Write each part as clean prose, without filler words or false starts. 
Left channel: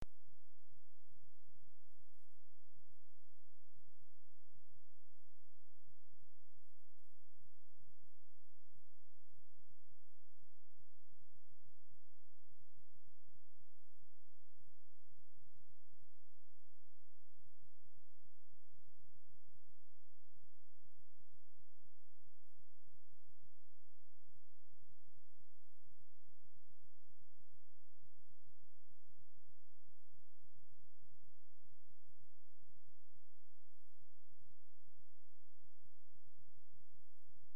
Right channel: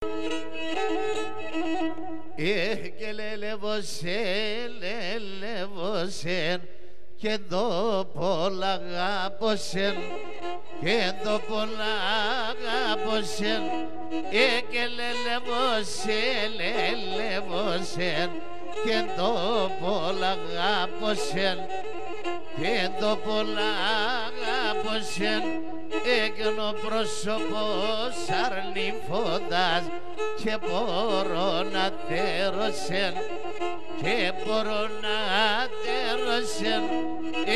Και λελεύωσεν και το πολλά αγάπωσεν και το πολλά αγάπωσεν και λελεύωσεν και το πολλά αγάπωσεν και το πολλά αγάπωσεν έκαινο πρόσωπος αρνηφώντας και μπορώ να τέρωσεν και μπορώ να τέρωσεν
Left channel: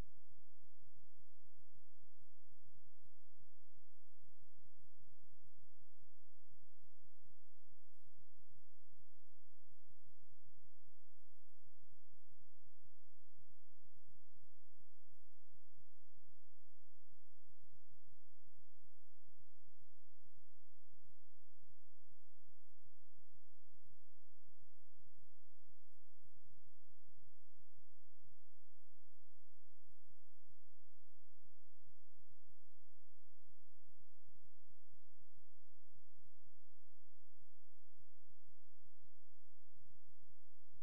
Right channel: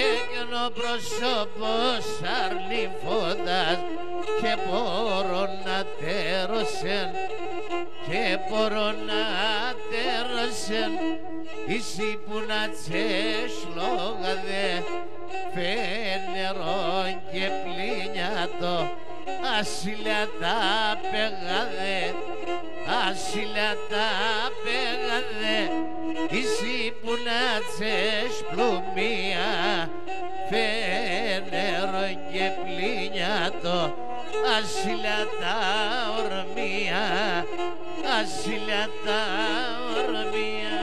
έκαινο πρόσωπος αρνηφώντας και μπορώ να τέρωσεν και μπορώ να τέρωσεν εσύ που να τσες λόγαδε φένερον και πλήνιατο ασύλια τα πεγαδε ασύλια τα πεγαδε εσύ που να τσες πλουμία φένερον και πλήνιατο ασύλια τα ορμία ασύλια τα ορμία.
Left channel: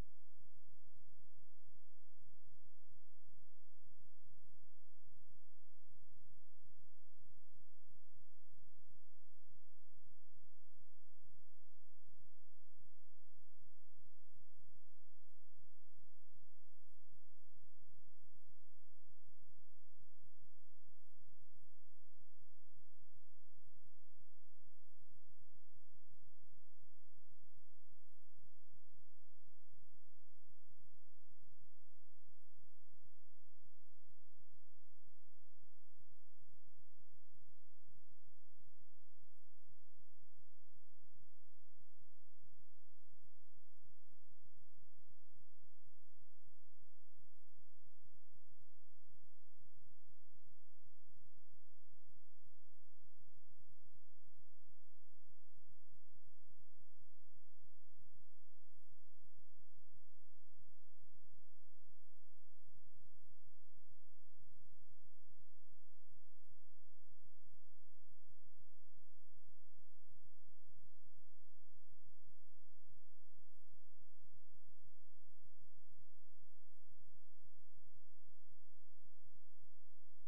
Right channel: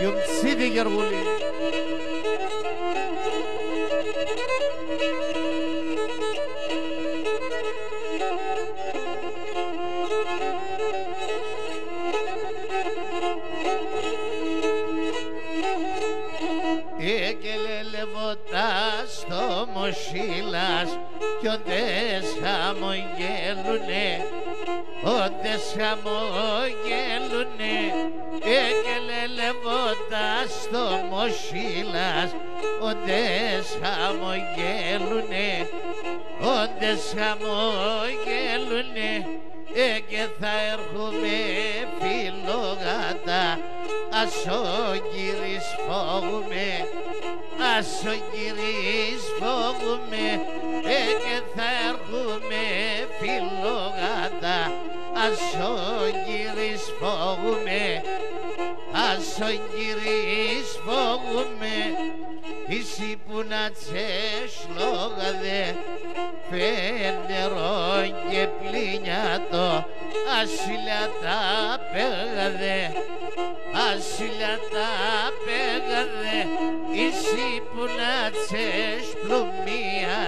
Γιουμτσίδη Γεργούλη. Εκελελευότας το μοσίλας κι όντες χαμογέλουνε, όντες χαμογέλουνε. Εκελελευότας το μοσίλας, όντες χαμογέλουνε, όντες χαμογέλουνε. Και θα έρχομαι φιλόγατα, ας ο κύρις φόγουμε, ας ο κύρις φόγουμε. Και θα έρχομαι φιλόγατα, ας ο κύρις φόγουμε, ας ο κύρις φόγουμε. Εσύ που να τσες λόγαδε φένερον και πλήνιατο ασύλια τα πέγαδε ασύλια τα πέγαδε. Εσύ που να τσες πλουμία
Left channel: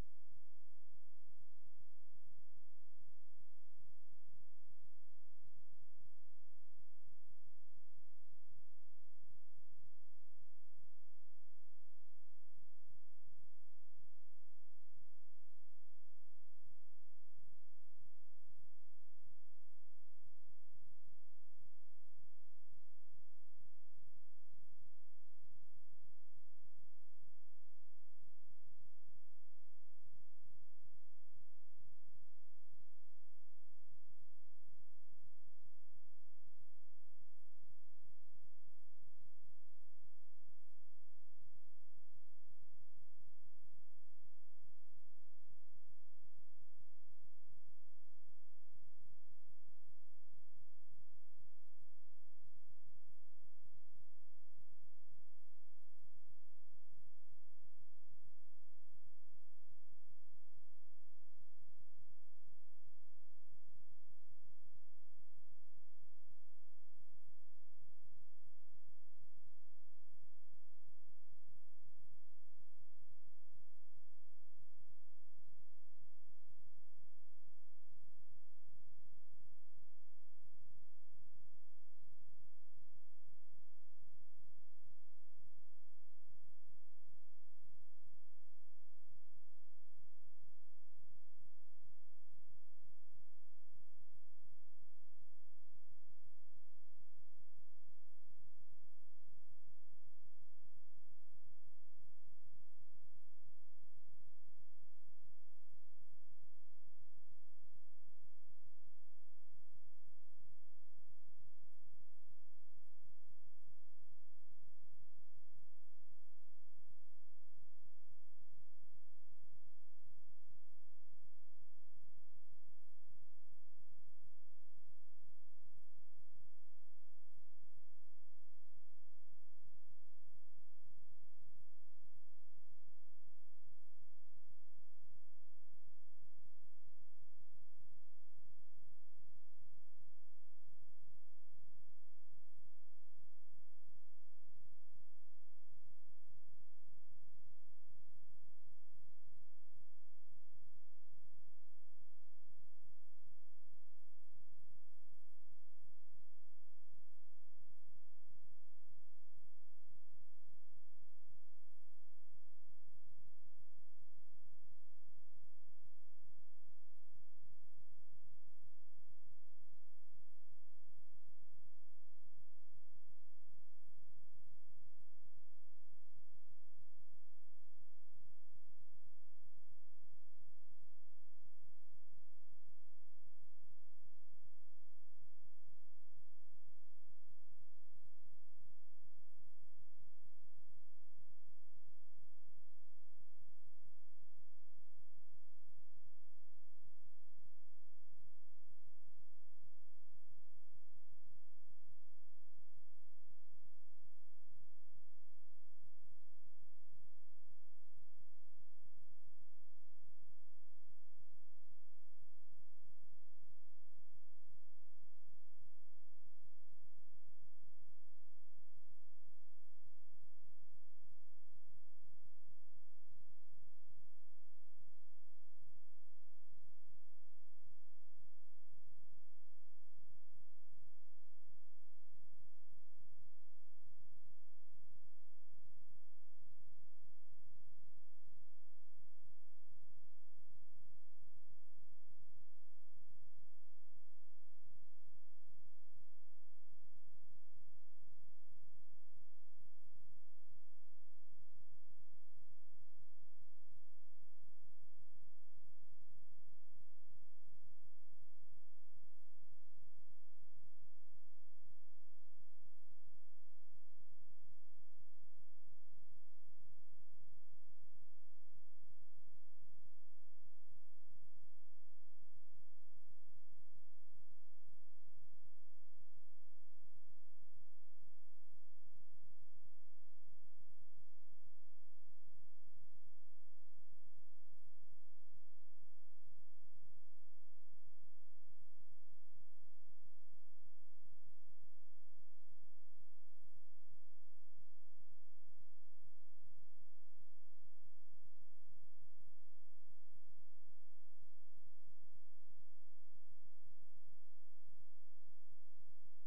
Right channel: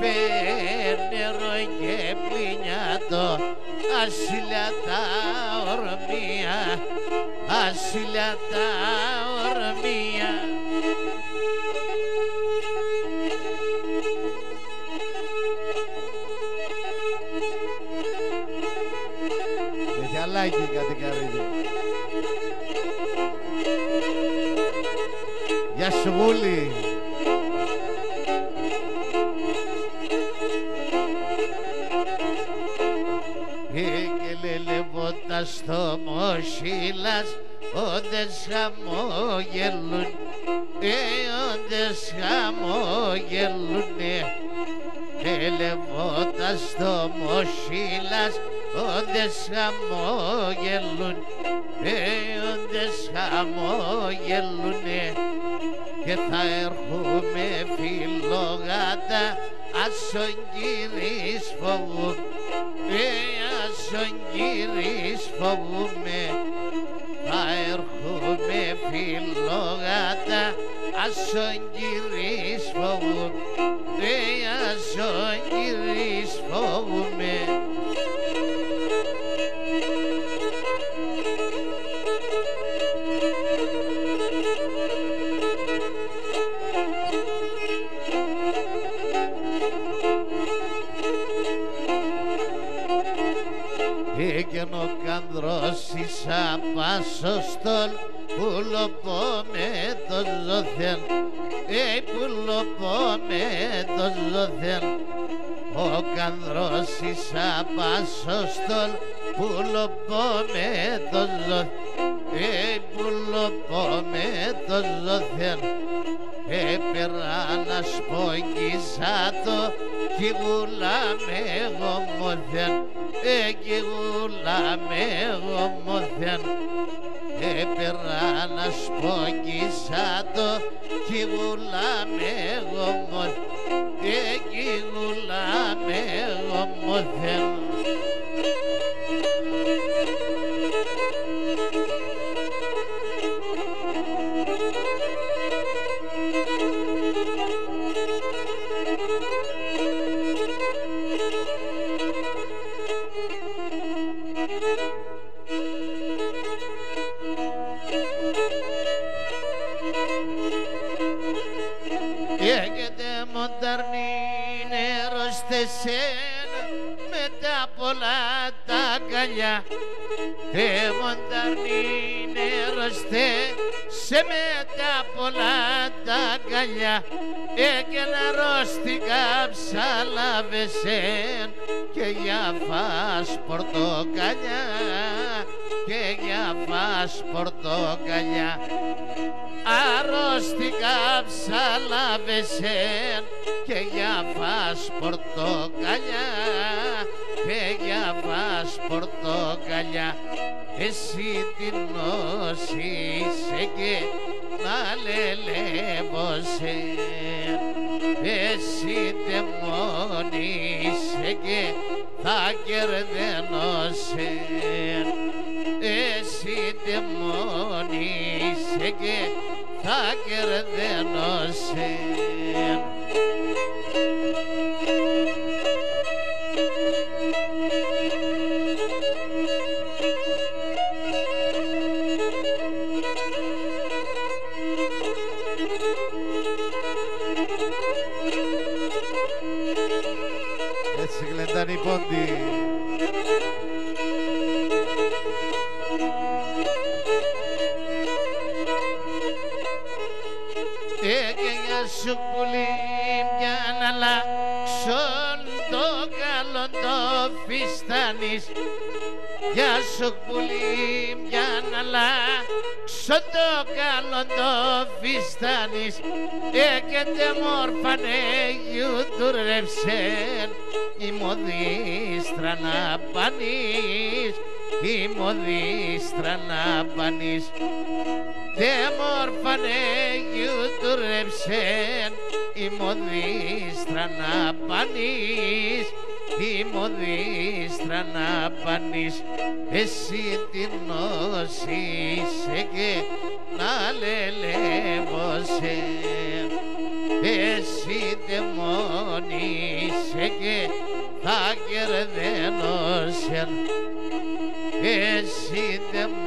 φένερον και πλήνιατο ασύλια τα ορμία ασύλια τα ορμία. Λάκι κάτι καρύδι. Γεια σου Βούλη. Και λελευότας το μοσίλας, όντες χαμόγελουν, όντες χαμόγελουνε. Λελευότας το μοσίλας, όντες χαμόγελουν, όντες χαμόγελουνε. Και θα έρχομαι φιλόγατα, ας ο κύρις φοβούμε, ας ο κύρις φοβούμε. Θα έρχομαι φιλόγατα, ας ο κύρις φοβούμε, ας ο κύρις φοβούμε. Έκαινε ο κανδρός εις απάσωστον, πουλοπώ με το ζωθέν, πουλοπώ με το ζωθέν. Ο κανδρός εις απάσωστον, πουλοπώ με το ζωθέν, πουλοπώ με το ζωθέν. Έπαιρνα σπόγγισα το κι γουλάμε εγώ μωθέν, κι γουλάμε εγώ μωθέν. Έπαιρνα σπόγγισα το κι γουλάμε εγώ μωθέν, κι γουλάμε σένα με τα πολλά τα αγκαλιά. Μονταρνή νερωστέ σε με τα πολλά τα αγκαλιά. Και να ρωστικά ψαλάβεσεν και για φας πορτοκαλιά, και για φας πορτοκαλιά. Αρρώστηκα ψαλάβεσεν και για φας πορτοκαλιά, και για φας πορτοκαλιά. Εσύ την νόσησε και να λελεύωσε, εσύ δαιμόνισε και θα κερδένωσε, εσύ δαιμόνισε και θα κερδένωσε. Έτσι γλεντάνε οι πόντοι. Έγγενια σου πουλί μια να αλλάξουν το καλό το φιστάνεις. Γεια σου πουλί μια να αλλάξουν το καλό το φιστάνεις. Και μόρφανε γιουτουρεύσεν η μοδίστρα να πανείς, η μοδίστρα να πανείς. Τε μόρφανε γιουτουρεύσεν η μοδίστρα να πανείς, η μοδίστρα να πανείς. Εσύ την νόσησε και να λελεύωσε, εσύ δαιμόνισε και θα κερδένωσε, εσύ δαιμόνισε